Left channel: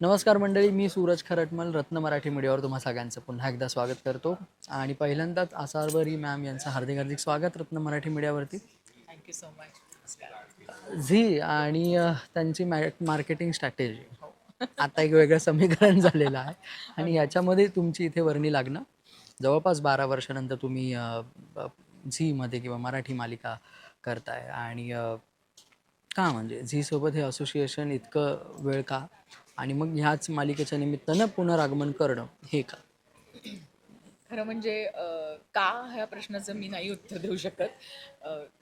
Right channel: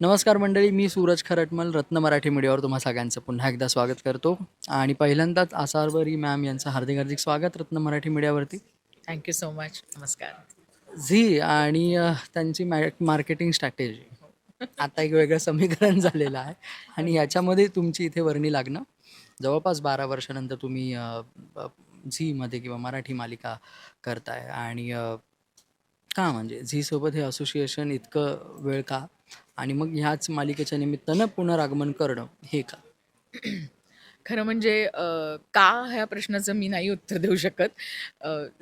नमस्कार मंडळी, मी सूरज खरटमल रत्न मराठी मीडियावर तुम्हा सगळ्यांचं पुन्हा एकदा स्वागत करतो. आणि पहिल्यांदाच आसावरी मॅम यांचं हार्दिक हार्दिक स्वागत रत्न मराठी मीडियावरती. Thank you so much. नमस्कार. झी आणि त्यांची मार्केटिंग स्ट्रॅटेजी हो. आता एक वेगळं समीकरण झालेलं आहे. हो आणि ना. याच्यामध्ये तुमची इथे वर्णी लागणं जवळपास 12 वर्षानंतर तुम्ही झीमध्ये किंवा मराठी मालिका करताय. आणि का म्हणजे झीसोबत हे असोसिएशन इतकं वेळ का? आणि मग ह्याच मालिकेच्या निमित्तानं पुनरागमन करणं हे का? खरं म्हणजे का ह्या प्रश्नाचं मी नाही उत्तर देऊ शकत.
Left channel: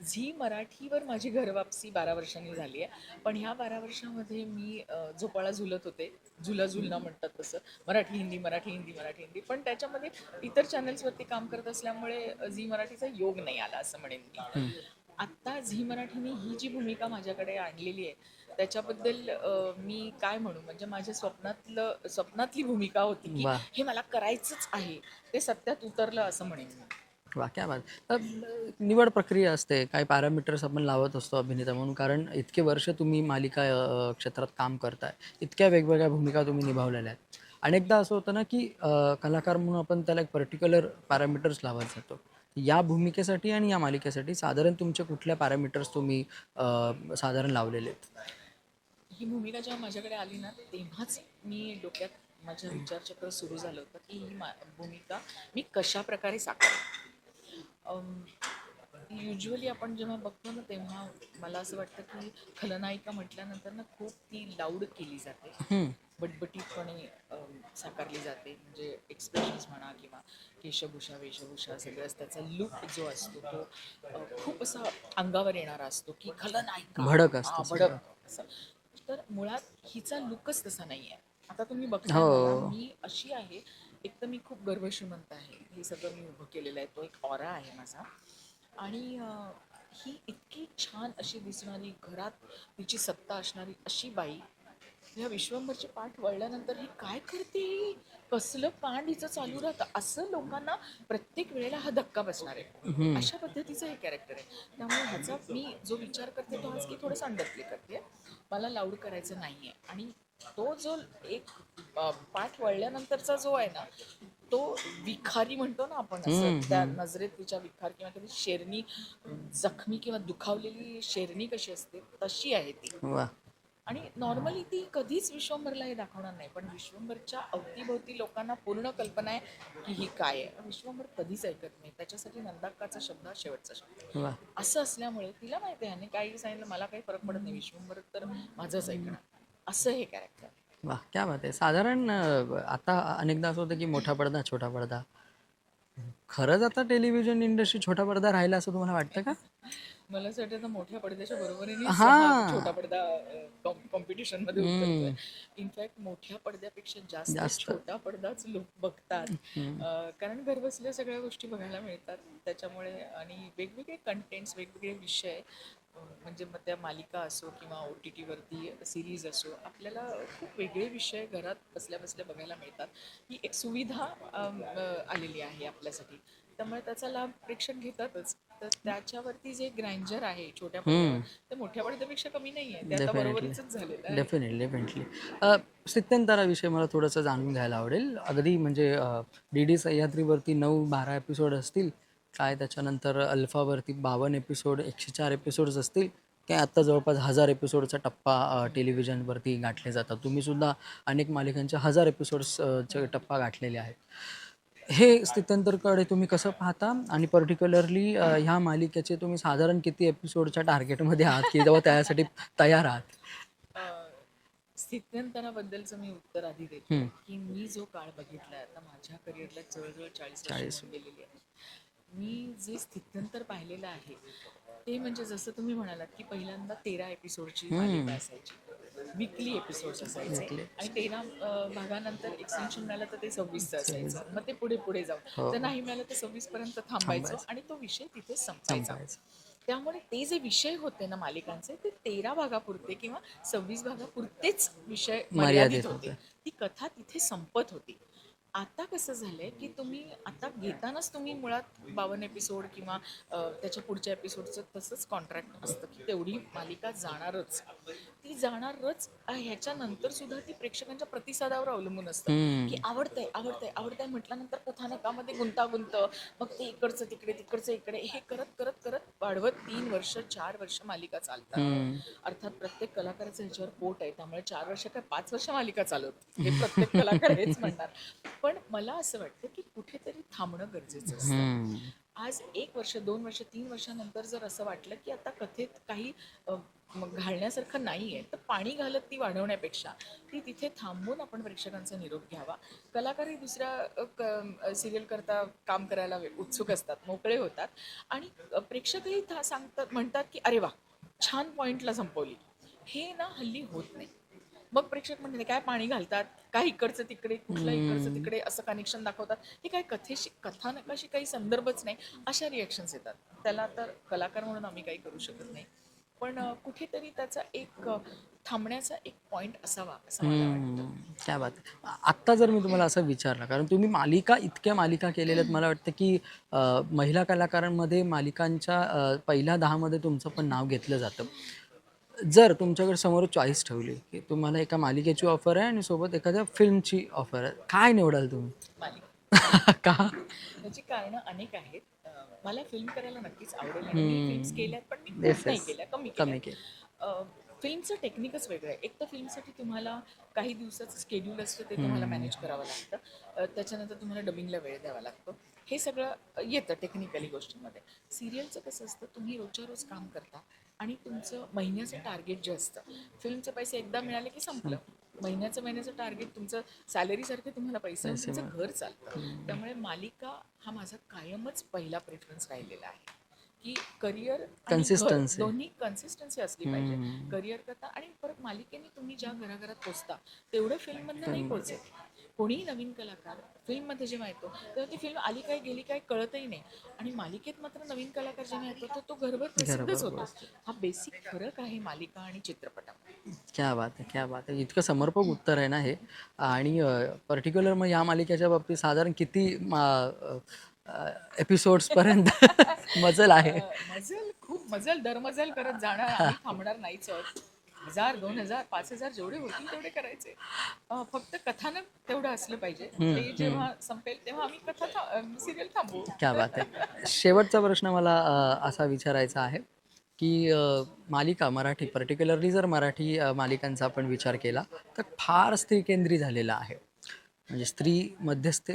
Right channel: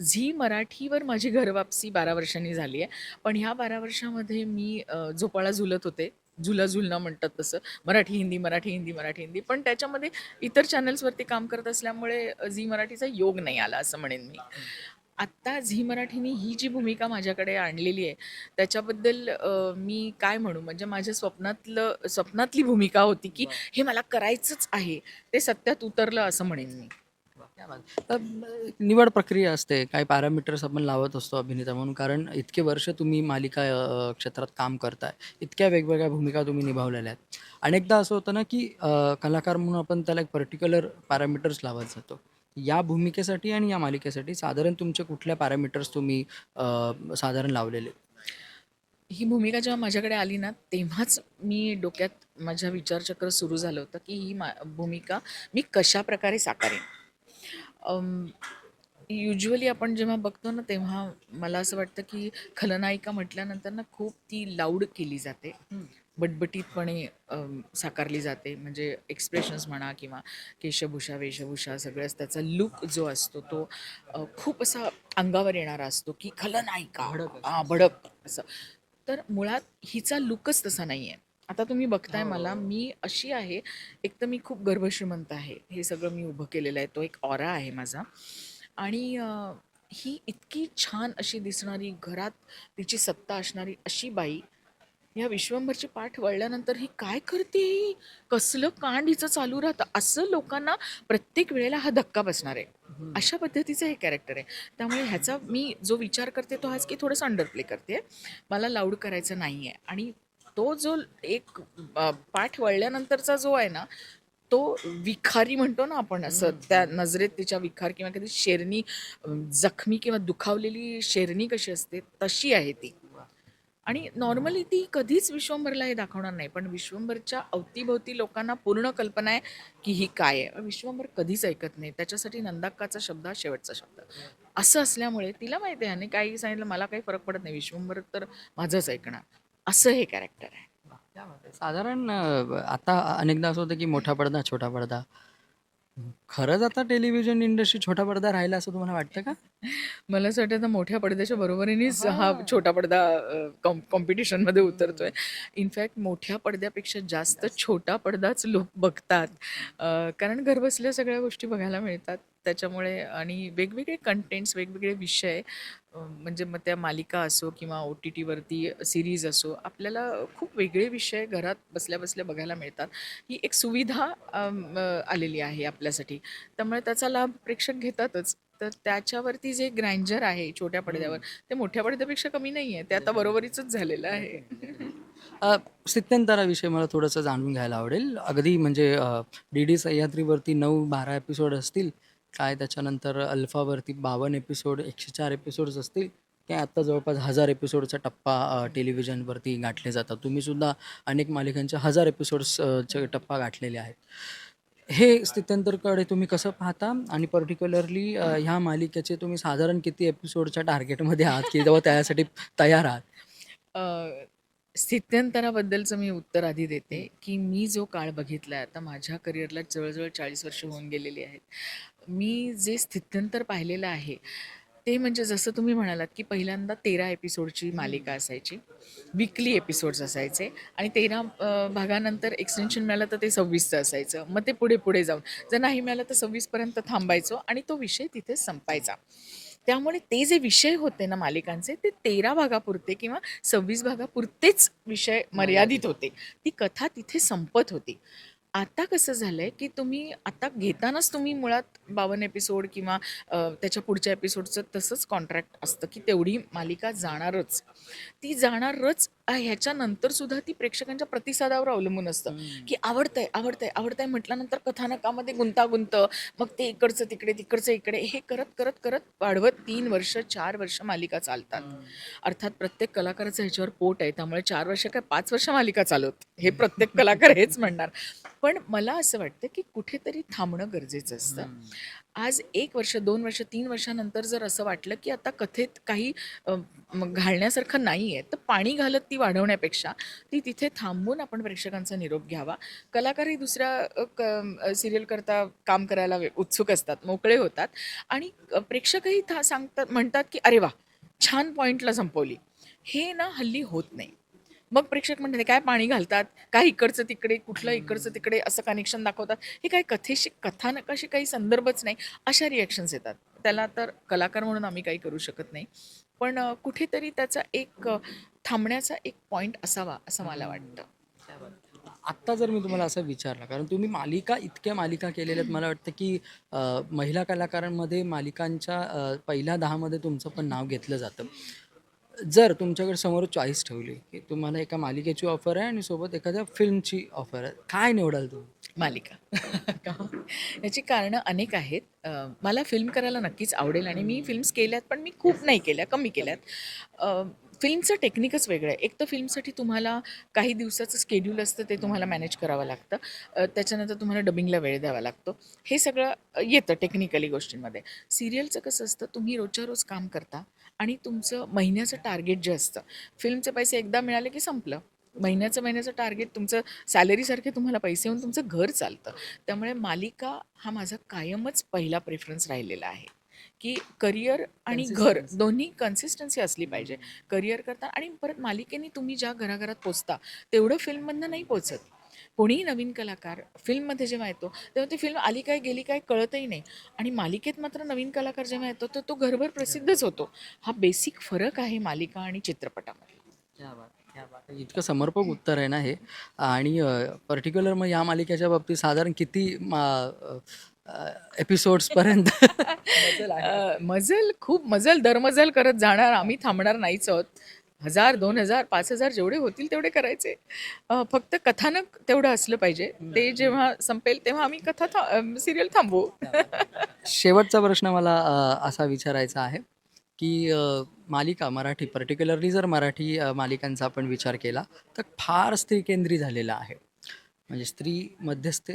झी मराठीवर माझी घरवापसी 12 वर्षांनी झाली आहे. पण ह्या 12 वर्षामध्ये मी झोपाळा झुलत होते. झुला झुलणं म्हणतात तसं. मराठी, हिंदी, मराठी, हिंदी, मराठी, हिंदी. पण त्याच्यामध्ये इतर चॅनल्सवरती काम करत असल्यामुळे झी मराठीचा योग नाही आला असं म्हणेन मी. हं. आत्ता झी मराठीने ही जी भूमिका माझ्याकडे आणलेली आहे त्याच्याबद्दल मी काय म्हणू म्हणजे माझ्या स्वप्नातली भूमिका होती की वाह! हे मला करायचंच आहे. ते सत्यात उतरलं असं म्हणेन मी. वाह! क्या बात! निवड प्रक्रिया असते. काही पॅरामीटर्स आपण लावत असतो अभिनेता म्हणून. कारण इतके वर्ष तुम्ही मालिका क्षेत्रात काम करताय. इतक्या वेगवेगळ्या भूमिका तुम्ही निभावलेल्या आहेत. अनेकदा असं होतं ना, की कलाकार म्हणून आपण त्याला एक पर्टिक्युलर पॅरामीटर्स लावत जातो. या भूमिकेसाठी आणि या मालिकेसाठी साधारण तुमचे कुठल्या पॅरामीटर्स तुम्ही साधारण लावलेले आहेत? ही भूमिका जेव्हा माझ्याकडे आली ना तेव्हाच मी डोक्यात माझ्या विचारचक्र सुरू झालं होतं की ही भूमिका मी कशा प्रकारे साकारेन. युज्युअली आपण जेव्हा बघतो ना तेव्हा मला असं वाटतं की खलनायिका म्हटल्यानंतर ना खूप ती लाऊड केली जाते, हं. बटबटीतपणे साकारली जाते. म्हणजे एक्सप्रेशन्स म्हणा किंवा केशभूषा वेशभूषा सगळंच त्याचा लुक जो असतो तो खूप असा अंगावर येणारा असतो की खलनायिका भडक असतं सगळं. भडक असं. तर मुळात हिचा लुकच तसा नाही आहे. आता तुम्ही बघताय मला हो. मी अशी आहे. एक तर मी खूप गर्भश्रीमंत आहे. हे सगळं मी उभं केलेलं आहे. तो एक ऑरा आहे माझा. आणि ही इतकी छान अशी दिसणारी घरात तिची सत्ता असणारी अशी बाई ह्या विश्वंभरची पाठ वळल्यानंतर ही काय करते ही? कसलं कांड हिचं चालू राहतं असं लोकांना प्रत्येक वेळेला हा धक्का बसणार आहे. हं. अशा पद्धतीचं हे कॅरेक्टर आहे. त्यामुळे ह्याचा मी जो विचार करते तो हाच की थोडंसं अंडर प्ले करते. मला लाऊड करायचं नाही आहे. आणि तो जो एक पाठ वळल्यानंतरचा जो आहे ना तो विखारी म्हणतो ना आपण असं हं, त्या हं. नजरेत तिच्या विखार किंवा कधी शेरणी जखमी किंवा दुखावलेली शेरणी कशी असते तशी आहे ती. वाह! आणि नॉर्मली ती कधीच विश्वंभरला हे दाखवणार नाही पण विश्वंभरच्या अवतीभोवती लोकांना पूर्ण कल्पना आहे की ही काय आहे. विश्वंभर कधीच ऐकत नाही. त्याच्यासाठी नंदाक्काचा शब्द हा शेवटचा शब्द. वाह! असं असल्यामुळे तिला माहिती आहे आणि काही सांगितलं मला काही फरक पडत नाही. विश्वंभर तर माझंच ऐकणार. असं हे कॅरेक्टर आहे. वाह! क्या बात है! साधारण आता अनेकदा असं होतं की मोठा पडदा, छोटा पडदा. खरंच आता टेलिव्हिजन इंडस्ट्री छोटा पडदा राहिला असं तुम्हाला वाटतं का? मला असं वाटतं आता मोठ्या पडद्याच्या बरोबरीनेच हा हां. छोटा पडदा कॉम्पिटिशनमध्ये उतरतोय. हं. इनफॅक्ट मोठ्या पडद्यापेक्षा जास्त जास्त. छोटा पडदाच लोक बघतात. हं. कारण घरबसल्या सगळ्या गोष्टी बघायला मिळतात. त्याच्यामुळे आणि वेगवेगळे कंटेंट्स, वेगवेगळे विषय म्हणजे मग त्या मालिका असो किंवा OTTवरती सीरीज असो, आपल्याला खूप वेगळे विषय घरात बसल्या-बसल्या बघायला मिळतात. ही एक सुविधा आलेली आहे आपल्यासाठी. त्यामुळे त्याचा लाभ प्रेक्षक घेतातच. तर त्याच्यावरती जे ग्रँजर आहे छोट्या पडद्यावर, हं. ते मोठ्या पडद्यापेक्षा कमी नाहीये. ते आता डेफिनेटली. बरोबरीचंच झालेलं आहे. Definitely, definitely. स्थित्यंतराविषयी मला थोडंसं जाणून घ्यायला आवडेल. अगदी म्हणजे डी-डी सह्याद्रीवरती 9-12 एपिसोड असतील. काय त्याच्यानंतर अल्फावरती 52 एपिसोड, 104 एपिसोड्स असतील. काय आत्ता जवळपास 1000 एपिसोडचा टप्पा हं, टेलिव्हिजनवरती गाठले जातात. तुम्हीसुद्धा अनेक मालिकांच्या 1000 एपिसोड्स चे हं. टप्पा गाठलेले आहेत. हे स्थित्यंतरकडे तुम्ही कसं पाहता? आणि पर्टिक्युलरली ह्या मालिकेचे तुम्ही साधारण किती एपिसोडच्या टार्गेटमध्ये आहात, की तेव्हा त्यासाठी तयार आहात? अ, स्थित्यंतराबद्दलचं मी उत्तर आधी देते, हं. की मी जो काळ बघितलाय आता माझ्या करिअरला जवळ-जवळ 40 वर्ष 40. होऊन गेलेली आहेत. मी जे स्थित्यंतर पाहिलेलं आहे, ते म्हणजे जसं तुम्ही म्हणालात, की पहिल्यांदा 13 एपिसोडची मालिका हं. असायची. वीकली एपिसोड्स असायचे वीकली आणि एपिसोड्स. 13 भागानंतर एक्सटेन्शन मिळालं तर ते 26चं 26. असायचं. मग ते पुढे-पुढे जाऊन हो, जर नाही मिळालं तर 26 पर्यंत थांबायचो थांबायचं, आणि तो विषय तिथे संपायचा. संपायचं. त्यामुळे ते जे विषय होते ना मालिकांचे ते 13 भागापुरते किंवा 26 भागापुरतेच विषय मर्यादित मर्यादित होते. होतं. ती कथा तिथे संपत होती. आता कसं झालंय, की तुम्ही आता घेतानाच तुम्ही मुळात 52 एपिसोड किंवा त्याच्या पुढच्या एपिसोडचं तसंच कॉन्ट्रॅक्ट असतं, की तेवढी मालिका जाणारच. ती जाणारच ह्याच्यानंतर सुद्धा ती प्रेक्षकांच्या प्रतिसादावर अवलंबून असतं, की हम्म. आवडतंय, आवडतंय, आवडतंय म्हटल्यानंतर कथानकामध्ये गुंतागुंत, मग ते इकडचं तिकडे, तिकडचं इकडे, हे करत, करत, करत वाढवत 3 वर्ष, 4 वर्ष मालिका चालतात. हम्म. अर्थात प्रत्येक कलाकाराचं ह्याच्यावर पोट आहे, त्यामुळे 4 वर्ष काय 5 वर्ष मालिका चालवत, हे प्रत्येक कलाकार हेच म्हणणार. पण मला असं वाटतं, की कुठेतरी थांबणं गरजेचं असतं. हम्म. आज 1 वर्ष, 2 वर्ष, 3 वर्षानंतर जर असं वाटलं, की आता कथेत काही घालण्यासारखं नाहीये, तर पाणी घालत ती वाढवण्यापेक्षा ती तिथे थांबून आपण प्रेक्षकांचा निरोप घ्यावा. कलाकारही दुसऱ्या सीरियल करता काम करायला उत्सुक असतात, मोकळे होतात आणि प्रेक्षकही सांगतात म्हणतात, की "अरे वाह! छान पॉइंटला संपवली." हे ना हल्ली होत नाही. मग प्रेक्षक म्हणतात, "काय पाणी घालतात? काय इकडचं तिकडे, कुठलं इकडचं हम्म. तिकडे असं कनेक्शन दाखवतात. हे काय कथेशी कथानकाशी काही संदर्भच नाही." अशा रिॲक्शन्स येतात. त्याला तर कलाकार म्हणून आम्ही काही करू शकत नाही. पण कुठेतरी त्याचा एक थांबण्याचा एक पॉइंट असावा असं मला वाटतं. क्या बात आहे. आत्ता जर मी तुम्हाला असं विचारलं, कारण तुम्ही इतक्या मालिका केलेल्या आहेत, मला वाटतं की महिला कलाकारांमध्ये मालिकांच्या पहिल्या 10 मध्ये तुमचं पण नाव घेतलं जातं. जर तुमच्याकडे समोर चॉईस ठेवली, की तुम्हाला एका मालिकेची ऑफर आहे आणि सोबत एखाद्या फिल्मची ऑफर आहे, काय निवडाल तुम्ही? मालिका. का? याची कारणं अनेक आहेत. मला फिल्म करायला नक्कीच आवडेल आणि मी फिल्म्स केल्यात, पण मी येस, खूप नाही येस. केल्या, कमी कमी केल्यात. केलं. फिल्मचं टेक्निकच वेगळं आहे. एक तर फिल्मसाठी तुम्हाला काही दिवसाचं शेड्यूल असतं, ते तुम्हाला मॅनेज करावं लागतं. त्याच्यानंतर तुम्हाला डबिंगला वेळ द्यावा लागतो. हे सगळं येतं टेक्निकली गोष्टींमध्ये. सिरियलचं कसं असतं, तुम्ही रोजच्या रोज काम करता आणि तुमचं महिन्याचं टार्गेट जे असतं, फिल्मचे पैसे एकदा मिळाले की संपलं. महिन्याचं टार्गेट तुमचं सॅलरीसारखे तुम्हाला पैसे येऊन तुमचं घर चालतं. त्यामुळे मालिका हा माझा कायमच पहिला प्रेफरन्स राहिलेला आहे, की करिअर आणि घर कन्सिस्टन्सी. दोन्ही कन्सिस्टन्सी असली पाहिजे. करिअर करता आणि परत मालिकेने तुम्ही ज्या घराघरात पोचता तेवढं फिल्ममधनं नाही पोचत. कोणीही नवीन कलाकार फिल्ममध्ये जेव्हा येतो तेव्हा ती फिल्म आली काय गेली काय कळतही नाही आणि मालिकेत मात्र नवीन कलाकार जेव्हा येतो तर तो घरभर प्रसिद्धच होतो. हा बेसिक फरक आहे मालिका आणि चित्रपटामध्ये. क्या बात है! क्या बात है! इतकं समर्पक उत्तर आहे ना हे. आणि पर्टिक्युलर मग या मालिकेच्या बाबतीत साधारण किती एपिसोड्सपर्यंत मजल आहे? खूप मजल दरमजल करत जाणार आम्ही थांबणार नाहीच आहोत. 1000, 2000, 5000 जेवढे होतील तेवढे करायचे. फक्त कथानक तेवढं असलं पाहिजे. ते जेव्हा संपेल तेव्हा आम्ही सिरियल थांबवू. क्या बात है! शेवटचा प्रश्न मला असा विचारायचा आहे, की मालिका मराठी पर्टिक्युलरली जर मराठी मालिकांचा आपण विचार केला, तर फार स्त्रीकेंद्री झालेला आहे. म्हणजे स्त्री मध्यस्थ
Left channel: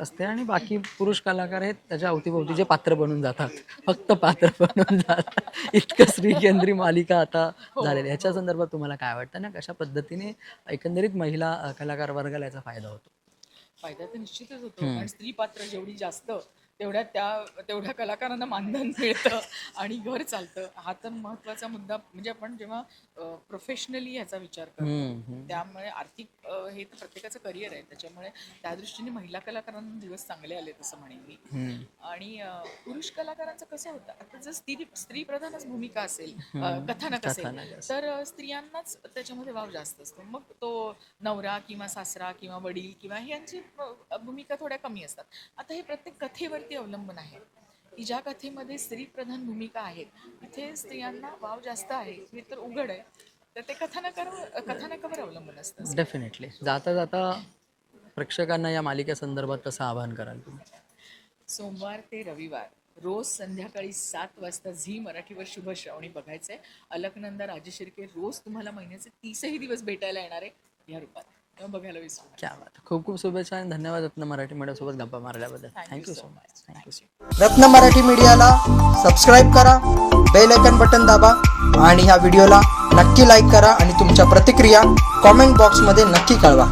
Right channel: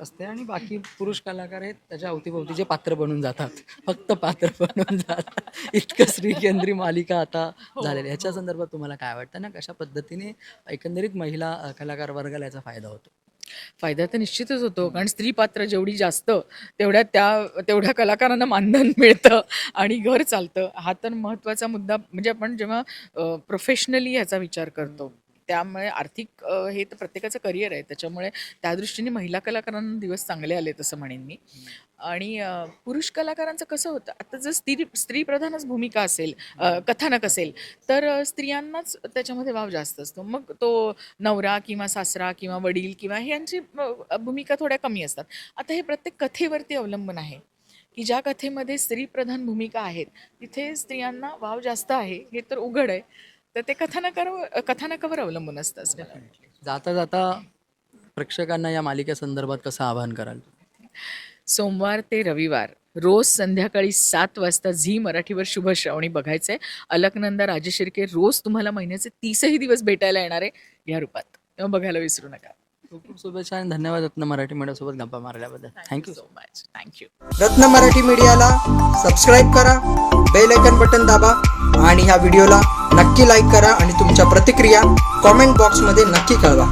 असते आणि बाकी पुरुष कलाकार आहेत त्याच्या अवतीभोवतीचे पात्र बनून जातात. फक्त पात्र बनून जातात. इतकं स्त्रीकेंद्री मालिका आता हो, झालेली आहे. ह्याच्या हो. संदर्भात तुम्हाला काय वाटतं ना, कशा पद्धतीने एकंदरीत महिला कलाकार वर्गाला याचा फायदा होतो? फायदा तर निश्चितच होतो. हं. कारण स्त्री पात्र जेवढी जास्त तेवढ्या कलाकारांना मानधन मिळतं आणि घर चालतं. हा तर महत्त्वाचा मुद्दा म्हणजे आपण जेव्हा प्रोफेशनली ह्याचा विचार करतो. हं, हं. त्यामुळे आर्थिक हे तर प्रत्येकाचं करिअर आहे. त्याच्यामुळे त्या दृष्टीने महिला कलाकारांना दिवस चांगले आले असं म्हणेन मी. हं. आणि पुरुष कलाकारांचं कसं होतं, आता जर स्त्रीप्रधानच भूमिका असेल, कथानक असेल, कथानक असेल. तर स्त्रियांनाच त्याच्यामध्ये वाव जास्त असतो. मग तो नवरा किंवा सासरा किंवा वडील किंवा हे यांची भूमिका थोड्या कमी असतात. आता हे प्रत्येक कथेवरती अवलंबून आहे, की ज्या कथेमध्ये स्त्रीप्रधान भूमिका आहेत, तिथे स्त्रियांना वाव जास्त आहे, हे तर उघड आहे. तर ते कथानकावर अवलंबून असतं असं मला वाटतं. डेफिनेटली. जाता जाता प्रेक्षकांना या मालिकेसंदर्भात कसं आवाहन कराल तुम्ही? सोमवार ते रविवार रोज संध्याकाळी 7 वाजता झी मराठीवर शुभ श्रावणी बघायचंय. अलकनंदा राजशिर्के रोज तुम्हाला महिन्याचे 30ही दिवस भेटायला येणार आहे या रूपात. तेव्हा बघायला विसरू नका. क्या बात है! खूप खूप शुभेच्छा आणि धन्यवाद रत्न मराठी मीडियासोबत गप्पा मारल्याबद्दल. Thank you so much. Thank you. Ratna Marathi मीडियाला सबस्क्राईब करा, बेल आयकन बटन दाबा आणि ह्या व्हिडिओला नक्की लाईक करा आणि तुमच्या प्रतिक्रिया कॉमेंट बॉक्समध्ये नक्की कळवा.